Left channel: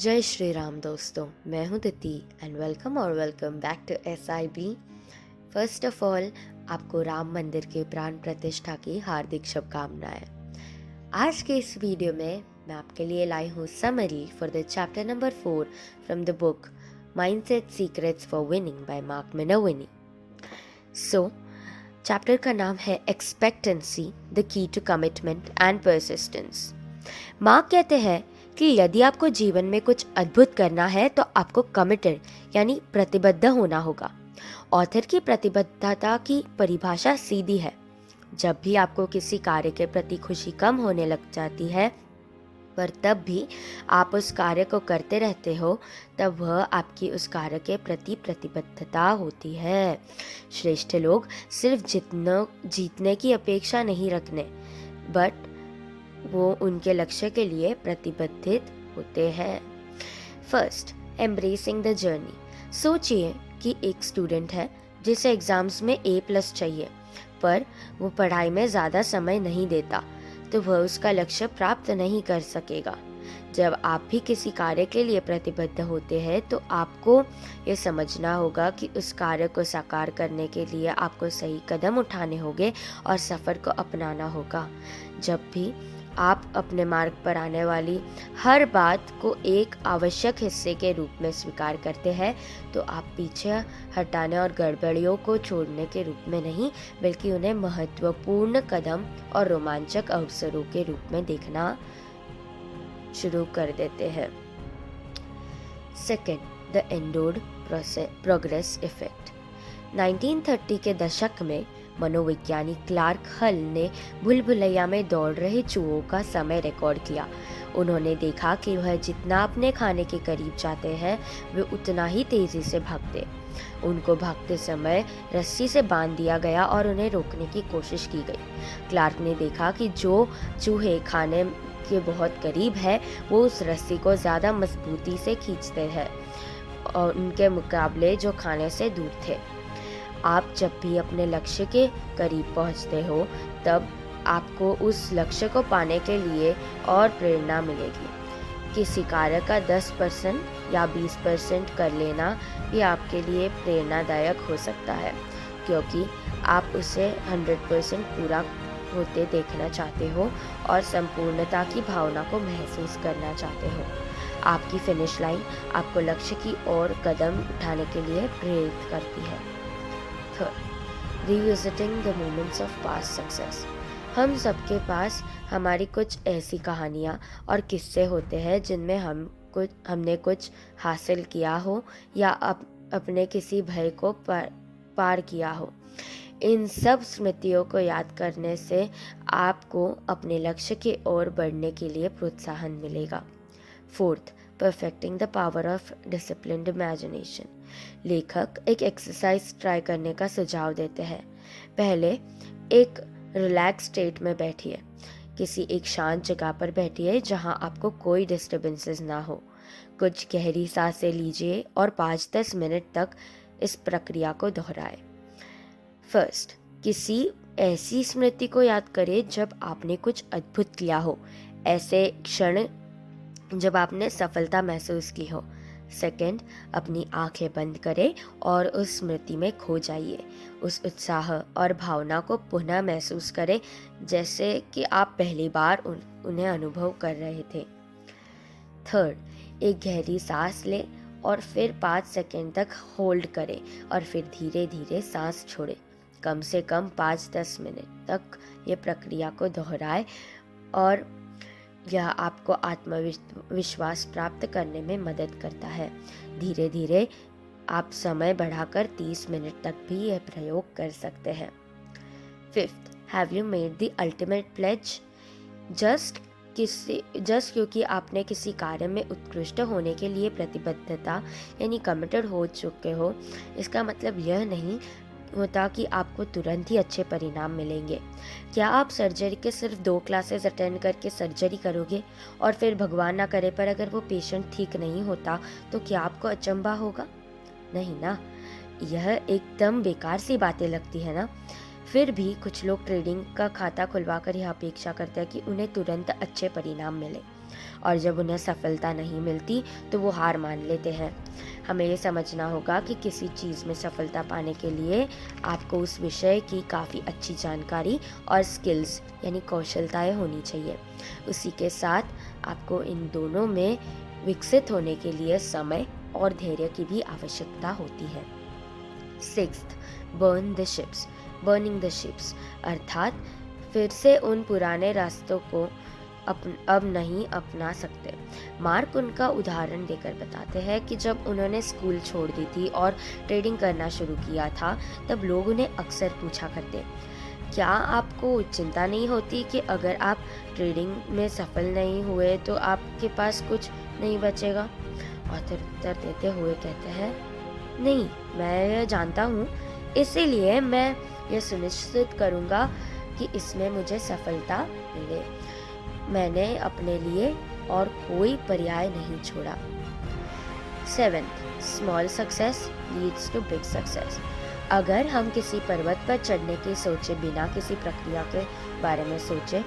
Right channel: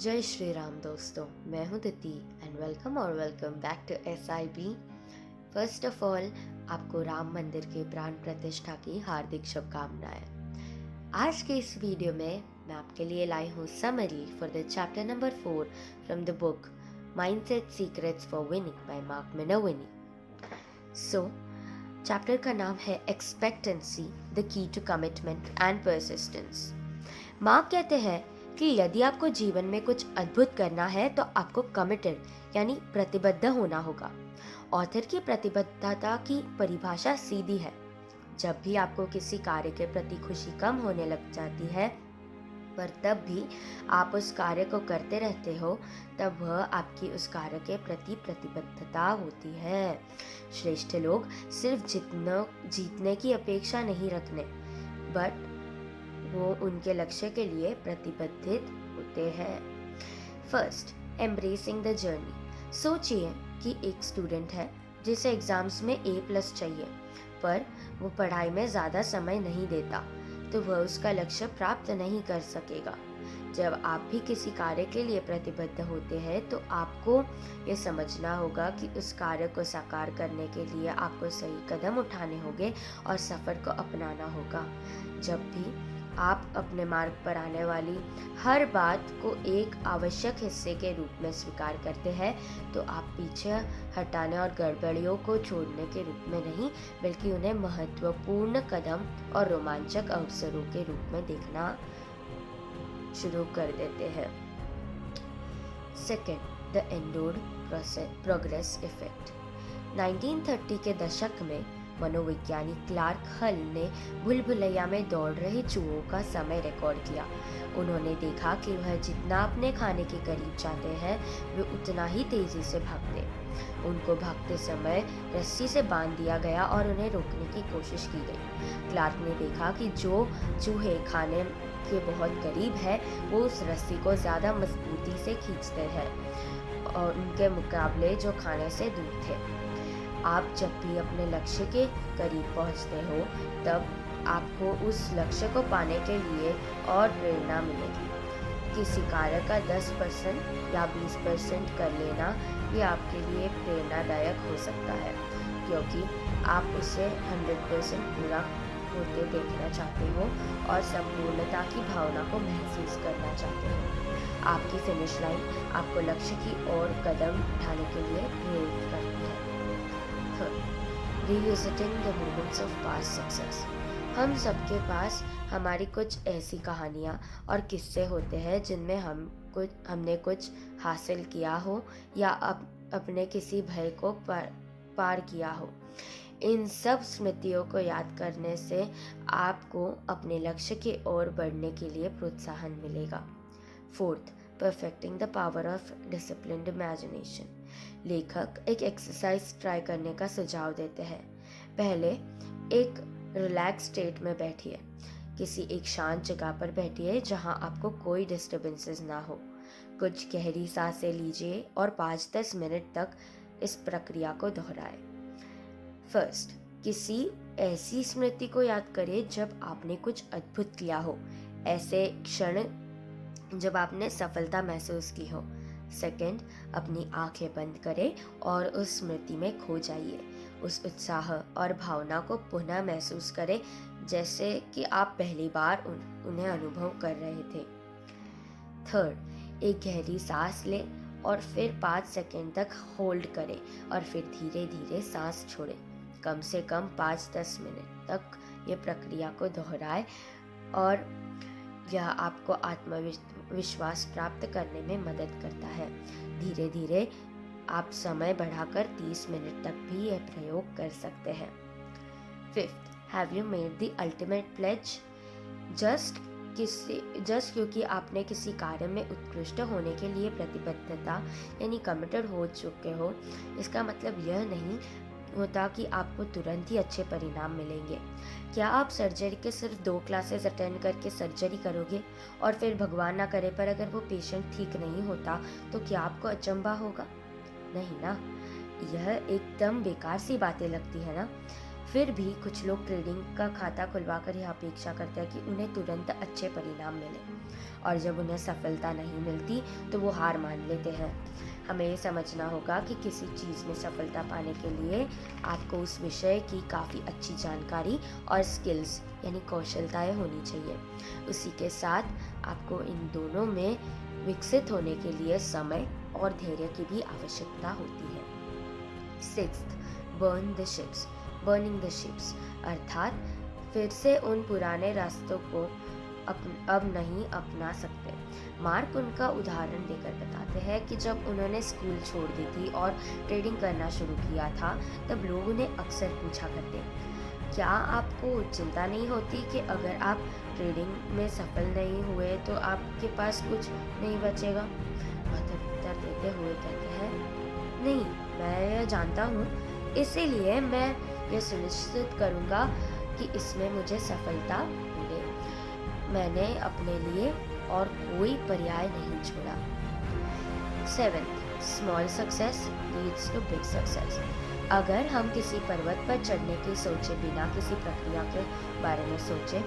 जय श्री राम दोस्तों, मैं हूं Diti and welcome back to SIB। First of all, आपको राम मंदिर के प्राण प्रतिष्ठा की हार्दिक शुभकामनाएं। आज के इस वीडियो में मैं आपके लिए लाई हूं summary for the chapter number 4 from the book mindset secrets for winning by Mark Minovini. So chapter का नाम है expectancy, the key to commitment and persistence. Mark कहते हैं कि यदि आपको जीवन में कुछ अद्भुत करना है तो आपको कमिटेड यानी प्रतिबद्ध होना होगा। ऑथर की प्रतिबद्धता की परिभाषा सीधी है। जब भी आपको किसी कार्य के प्रति खुशी कम होने लग जाती है, पर तब भी आप उस कार्य को करते रहते हो, तब वह आपकी उस कार्य के प्रति प्रतिबद्धता होती है। श्रेष्ठ लोग सिर्फ जीतने की अपेक्षा नहीं रखने, बट वो उनके लक्ष्य के लिए प्रतिबद्धित होते हैं। First, embracing the journey. सोचिए कि एक स्टूडेंट है जिसे एग्जाम्स में A+ चाहिए, पर वो पढ़ाई में ज़्यादा समय नहीं देता, तो वह उसका लक्ष्य प्राप्त नहीं कर सकेगा। जब आप भी किसी कार्य के लिए प्रतिबद्ध होते हैं तो आपको ये समझना होगा कि उस कार्य को साकार करने के लिए आपको सही कदम उठाने होंगे और सफ़र को अपनाना होगा। जब भी आप अपने मार्ग पर आने वाली हर बात को एक आवश्यक हिस्से के रूप में स्वीकार करते हैं, तो आप पीछे हटाने और गड़बड़ियों को छोड़ने के रूप में नहीं, बल्कि उन्हें महत्वपूर्ण कदम और रोमांचक अवसरों के रूप में देखना शुरू कर देते हैं। Second, the endowed progress effect. 1930 के दशक में मनोवैज्ञानिक क्लार्क हल ने भूल-भुलैया में दौड़ रहे चूहों का समय रिकॉर्ड किया। उन्होंने देखा कि वह जितना अपने खाने के करीब जाते हैं, वे उतना ही तेजी से भागते। उनको भागते समय रस्सी से बांध दिया गया और उन्हें रोकने की कोशिश की गई। क्लार्क ने देखा कि जो चूहे खाने के बहुत करीब है, वो उस रस्सी को ज़्यादा मजबूती से खींचते हैं और उनके मुकाबले जो खाने से दूर थे। आप जब भी अपने लक्ष्य के करीब पहुंचते हो, तब आपको उस लक्ष्य को पाने के लिए और प्रेरणा मिलेगी। किसी कार्य का 10% या 20% कर लेना ये आपके लिए प्रेरणादायक हो सकता है, क्योंकि आप उसे 100% पूरा होते देखना चाहते हो और संपूर्णता की भावना को महसूस करना चाहते हो। आपकी फिनिश लाइन आपको लक्ष्य की ओर कदम उठाने के लिए प्रेरित करती है। Revisiting the moments of past success। हम सबके पास हमारी कुछ ऐसी कहानियाँ और किस्से होते हैं जिनमें हमने कुछ हासिल किया हो या अपने किसी भय को पार किया हो। इन सब स्मृतियों को याद करने से आपको अपने लक्ष्य की ओर बढ़ने के लिए प्रोत्साहन मिलेगा। Fourth, perfecting the power of disciplined imagination. लेखक एक एक्सरसाइज ट्राई करने का सुझाव देते हैं। पहले एक रिलैक्स स्टेट में बैठिए। किसी एक शांत जगह पर बैठिए जहां आपको कोई डिस्टर्बेंसेस ना हो। कुछ गहरी सांसें लीजिए और 5-10 मिनट तक इस प्रक्रिया को दोहराएं। फर्स्ट, किसी ऐसी स्मृति को याद करें जब आपने कुछ अद्भुत किया हो, ऐसे क्षण जब आपने सफलता महसूस की हो। सेकंड, अपनी आंखें बंद करें और उस स्मृति में खो जाइए। उस उत्साह और भावना को पुनः महसूस करें जैसे कि आप पहली बार उन्हें अनुभव कर रहे थे। थर्ड, एक गहरी सांस लें और फिर 5 सेकंड तक होल्ड करें और फिर धीरे धीरे सांस छोड़ें। कम से कम 5-10 मिनट तक ये प्रक्रिया को दोहराएं और यह आपको आत्मविश्वास प्राप्त करने में मदद करता है। धीरे धीरे आप समय बढ़ाकर 30 मिनट तक भी यह प्रयोग कर सकते हैं। Fifth, have you made the ultimate pledge. Just क्योंकि आपने किसी कार्य में उत्कृष्ट होने के लिए प्रतिबद्धता यानी कमिटेड हो चुके हो, इसका मतलब यह नहीं होता कि आपको तुरंत ही अच्छे परिणाम मिलेंगे। क्या आप सर्जरी के सिर्फ 2 क्लासेस अटेंड करके सर्जरी करोगे और फिर भगवान ना करे पर अगर वो पेशेंट ठीक नहीं होता, तो क्या आपको अचंभा होगा? नहीं ना। यह एकदम बेकार सी बातें लगती है ना। फिर भी कुछ लोग ट्रेडिंग का खाता खुलवाकर यह अपेक्षा करते हैं कि उन्हें तुरंत अच्छे परिणाम मिले, और जब उन्हें सफलता नहीं मिलती तो वो हार मान लेते हैं। हमें ये समझना होगा कि किसी चीज़ में सफलता पाने के लिए आपको उस विषय की काफ़ी अच्छी जानकारी और स्किल्स यानी कौशलताएं होनी चाहिए। उसी के साथ आपको इन दोनों में विकसित होने के लिए समय और धैर्य की भी आवश्यकता होती है। सिक्स्थ, बर्निंग द शिप्स, अर्थात फिर से उन पुराने रास्तों को अब नहीं अपना सकते। मार्क उनका उदाहरण देकर बताते हैं कि जब उन्होंने स्कूल छोड़ दी थी और ट्रेडिंग करना शुरू किया था, तब लोग उन्हें अक्सर पूछा करते, क्या आपको चिंता नहीं होती कि अगर आप ट्रेडिंग में सफल नहीं हुए तो आपके पास कुछ नहीं बचेगा? ऑथर उत्तर देते हुए कहते हैं, नहीं, मैं यह जानता हूँ, इसीलिए मैं यह सुनिश्चित करूँगा कि इसमें मुझे सफलता मिले। मैंने अपने लिए और कोई पर्याय नहीं छोड़ा। 7th, small success leads to big success. अगर हम किसी पर्वत पर चढ़ने की सोचे बिना किसी प्रक्रिया के बारे में सोचे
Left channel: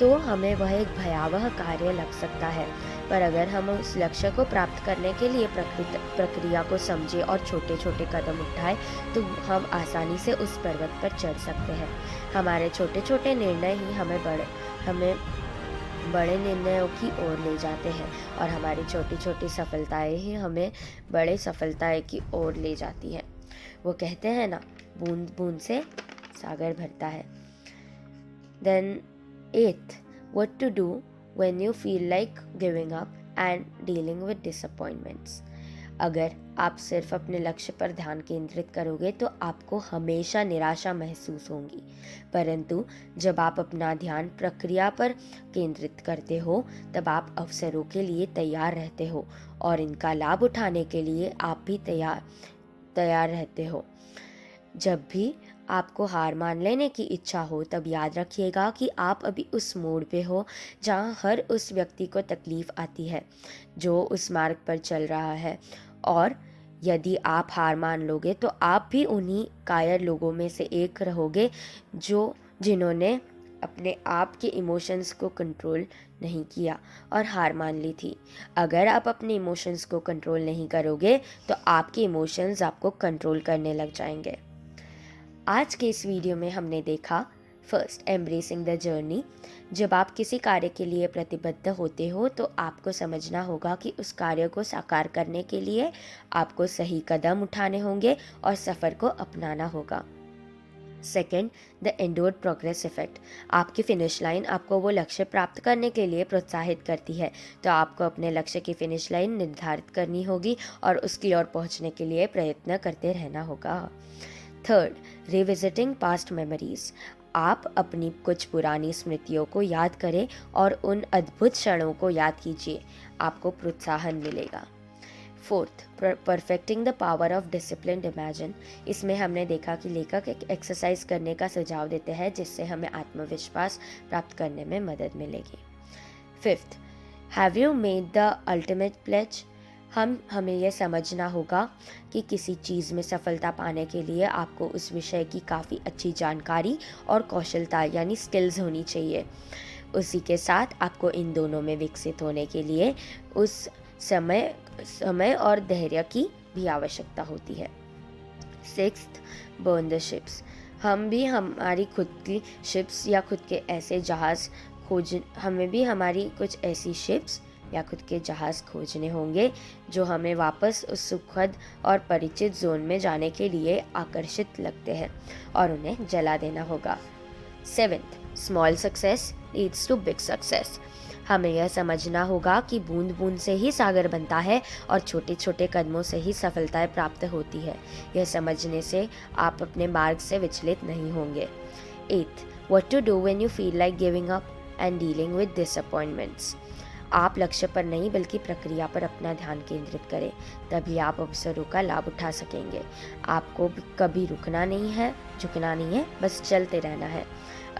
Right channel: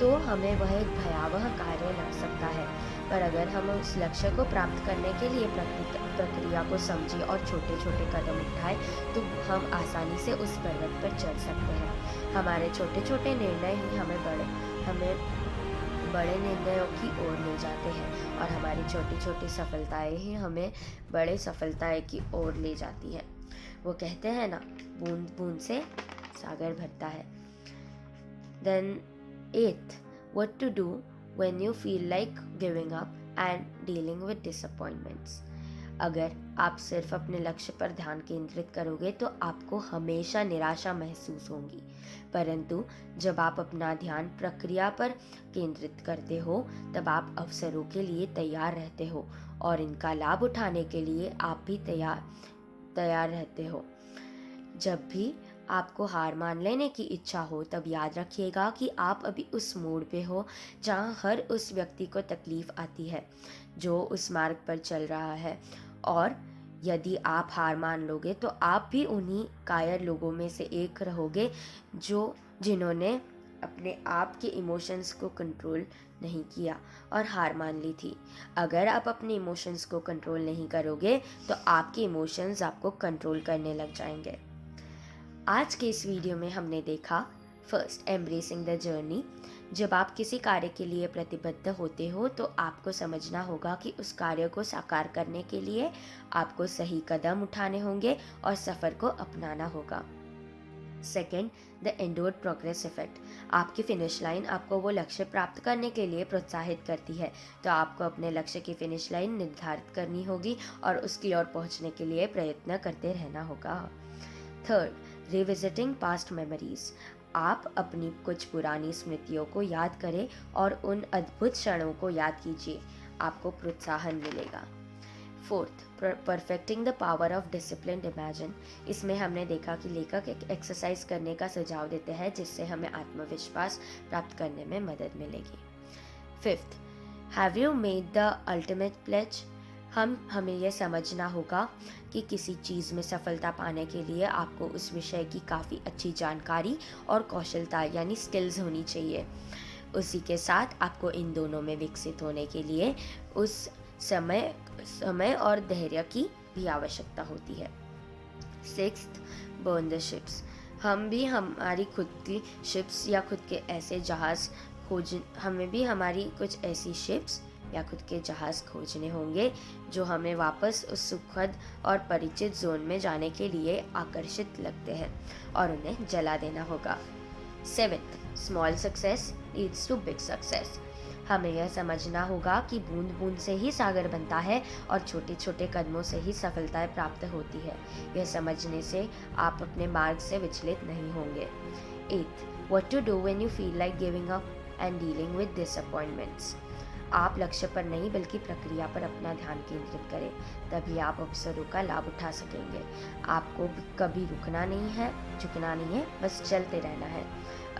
तो हमें वह एक भयावह कार्य लग सकता है, पर अगर हम उस लक्ष्य को प्राप्त करने के लिए प्रक्रिया को समझें और छोटे छोटे कदम उठाएं तो हम आसानी से उस पर्वत पर चढ़ सकते हैं। हमारे छोटे छोटे निर्णय ही हमें बड़े निर्णयों की ओर ले जाते हैं, और हमारी छोटी छोटी सफलताएं ही हमें बड़े सफलताएं की ओर ले जाती हैं। वो कहते हैं ना, बूंद बूंद से सागर भरता है। Then 8th, what to do when you feel like giving up and dealing with disappointments. अगर आप सिर्फ अपने लक्ष्य पर ध्यान केंद्रित करोगे तो आपको हमेशा निराशा महसूस होगी, परंतु जब आप अपना ध्यान प्रक्रिया पर केंद्रित करते हो तब आप अवसरों के लिए तैयार रहते हो और इनका लाभ उठाने के लिए आप भी तैयार रहते हो। जब भी आपको हार मान लेने की इच्छा हो तब याद रखिएगा कि आप अभी उस मोड़ पे हो जहाँ हर उस व्यक्ति को तकलीफ आती है जो उस मार्ग पर चल रहा है, और यदि आप हार मान लोगे तो आप भी उन्हीं कायर लोगों में से एक रहोगे जिन्होंने अपने आप के इमोशंस को कंट्रोल नहीं किया और हार मान ली थी। अगर आप अपने इमोशंस को कंट्रोल नहीं करोगे तो आपके इमोशंस आपको कंट्रोल करने लग जाएंगे। आज के इस वीडियो में हमने देखा, फर्स्ट, एम्ब्रेसिंग द जर्नी। जब आप किसी कार्य के लिए प्रतिबद्ध होते हो तो आपको समझना होगा कि उस कार्य को साकार करने के लिए आपको सही कदम उठाने होंगे और सफ़र को अपनाना होगा। Second, the endowed progress effect. आपकी फिनिश लाइन आपको वो लक्ष्य प्राप्त करने के लिए प्रोत्साहित करती है, तो आपको अपने लक्ष्य की फिनिश लाइन निर्धारित करनी होगी और उसकी ओर पहुंचने के लिए प्रयत्न करते रहना होगा। Third, revisiting past memories. आप अपनी कुछ पुरानी स्मृतियों को याद करें और उन अद्भुत क्षणों को याद कीजिए, आपको प्रोत्साहन मिलेगा। Fourth, perfecting the power of discipline imagine. इसमें हमने देखा कि लेखक एक एक्सरसाइज करने का सुझाव देते हैं जिससे हमें आत्मविश्वास प्राप्त करने में मदद मिलेगी। Fifth, have you made the ultimate pledge. हमें यह समझना होगा कि किसी चीज़ में सफलता पाने के लिए आपको उस विषय की काफ़ी अच्छी जानकारी और कौशलता यानी स्किल्स होनी चाहिए। उसी के साथ आपको इन दोनों में विकसित होने के लिए उस समय और धैर्य की भी आवश्यकता होती है। Sixth, burn the ships. हम भी हमारी खुद की शिप्स या खुद के ऐसे जहाज़ हमें भी हमारी कुछ ऐसी शिप्स या खुद के जहाज़ खोजने होंगे जो हमें वापस उस सुखद और परिचित जोन में जाने के लिए आकर्षित लगते हैं, और उन्हें जला देना होगा। 7th, small success leads to big success. हमें यह समझना होगा कि बूंद बूंद से ही सागर बनता है और छोटे छोटे कदमों से ही सफलताएं प्राप्त होती है। यह समझने से आप अपने मार्ग से विचलित नहीं होंगे। 8th, what to do when you feel like giving up and dealing with disappointments. आप लक्ष्य पर नहीं बल्कि प्रक्रिया पर अपना ध्यान केंद्रित करें, तभी आप अवसरों का लाभ उठा सकेंगे। आपको कभी रुकना नहीं है, झुकना नहीं है, बस चलते रहना है।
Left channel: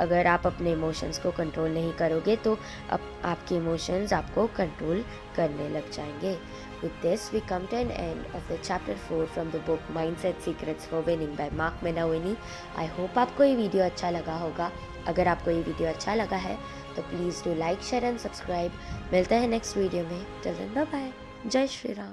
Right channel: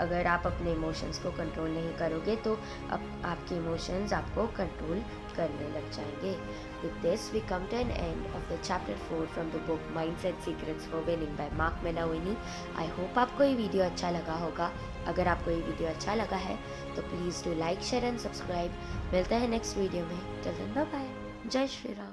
अगर आप अपने इमोशंस को कंट्रोल नहीं करोगे तो आपके इमोशंस आपको कंट्रोल करने लग जाएंगे। With this, we come to an end of the chapter 4 from the book Mindset Secrets for Winning by Mark Menawini. I hope आपको ये वीडियो अच्छा लगा होगा। अगर आपको ये वीडियो अच्छा लगा है तो please do like share and subscribe. मिलते हैं नेक्स्ट वीडियो में। Till then bye bye. जय श्री राम।